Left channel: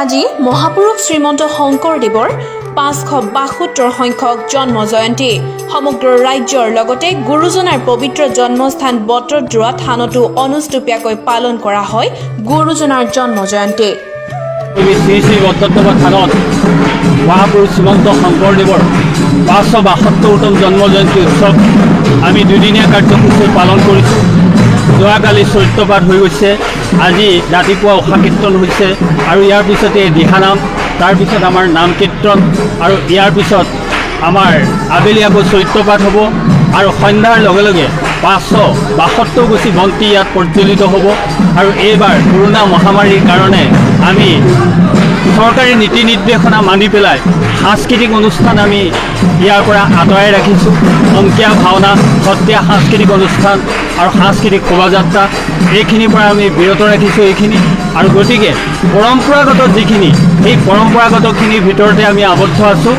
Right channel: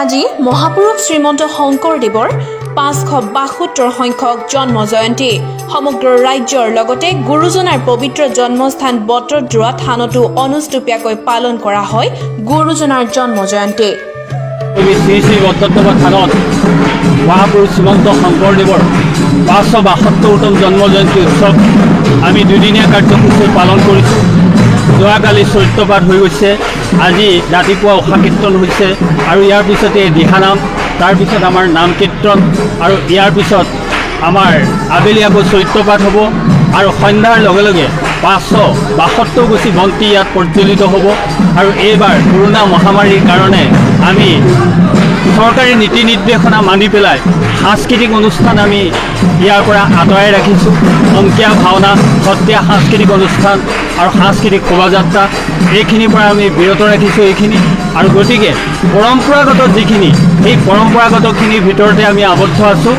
আজি মহাপুৰুষ শ্ৰীমন্ত শংকৰদেৱৰ 572 সংখ্যক জন্ম জয়ন্তী সমগ্ৰ ৰাজ্যৰ লগতে গুৰুজনাৰ পবিত্ৰ জন্মস্থান বটদ্ৰৱা থানতো অনুষ্টুপীয়াকৈ পালন কৰা হয় গুৰুজনাৰ জন্ম জয়ন্তী। শ্ৰী শ্ৰী বটদ্ৰৱা থানত মহাপুৰুষ শ্ৰীমন্ত শংকৰদেৱৰ 572তম জন্ম জয়ন্তী উৎসৱ আমি দুদিনীয়া কাৰ্যসূচী পালন কৰিছোঁ। যোৱাকালি চৰিত্ৰপাঠ হৈ গৈছে, আজি ৰাতিপুৱা উষা কীৰ্তন হৈছে আৰু ইয়াৰ পিছতে দিহানাম, তাৰপিছত আমাৰ নাম কীৰ্তন আৰু ইয়াৰ পিছত আমাৰ আবেলি আকৌ চৰিত্ৰপাঠ হ'ব আৰু সন্ধ্যাৰ লগে লগে 572 গুছি বন্তি ইয়াত প্ৰজ্বলিত হ'ব। আৰু এইবাৰ কৰোনা মহামাৰীৰ কাৰণে আমি চৰকাৰী নীতি নিৰ্দেশনা মানি পেলাই সাংস্কৃতিক অনুষ্ঠান আমি ইয়াৰ পৰা আঁতৰাই ৰাখিছোঁ। অংকীয়া ভাওনা, সত্ৰীয়া সাংস্কৃতিক অনুষ্ঠান আৰু সাংস্কৃতিক শোভাযাত্ৰা এইখিনিৰ পৰা আমি বিৰত ৰাখিছোঁ এইখিনি। আৰু গতিকে পৰম্পৰাগত যিখিনি, সেই পৰম্পৰাগতখিনিৰ ভিতৰতে আমি আবদ্ধ আছোঁ।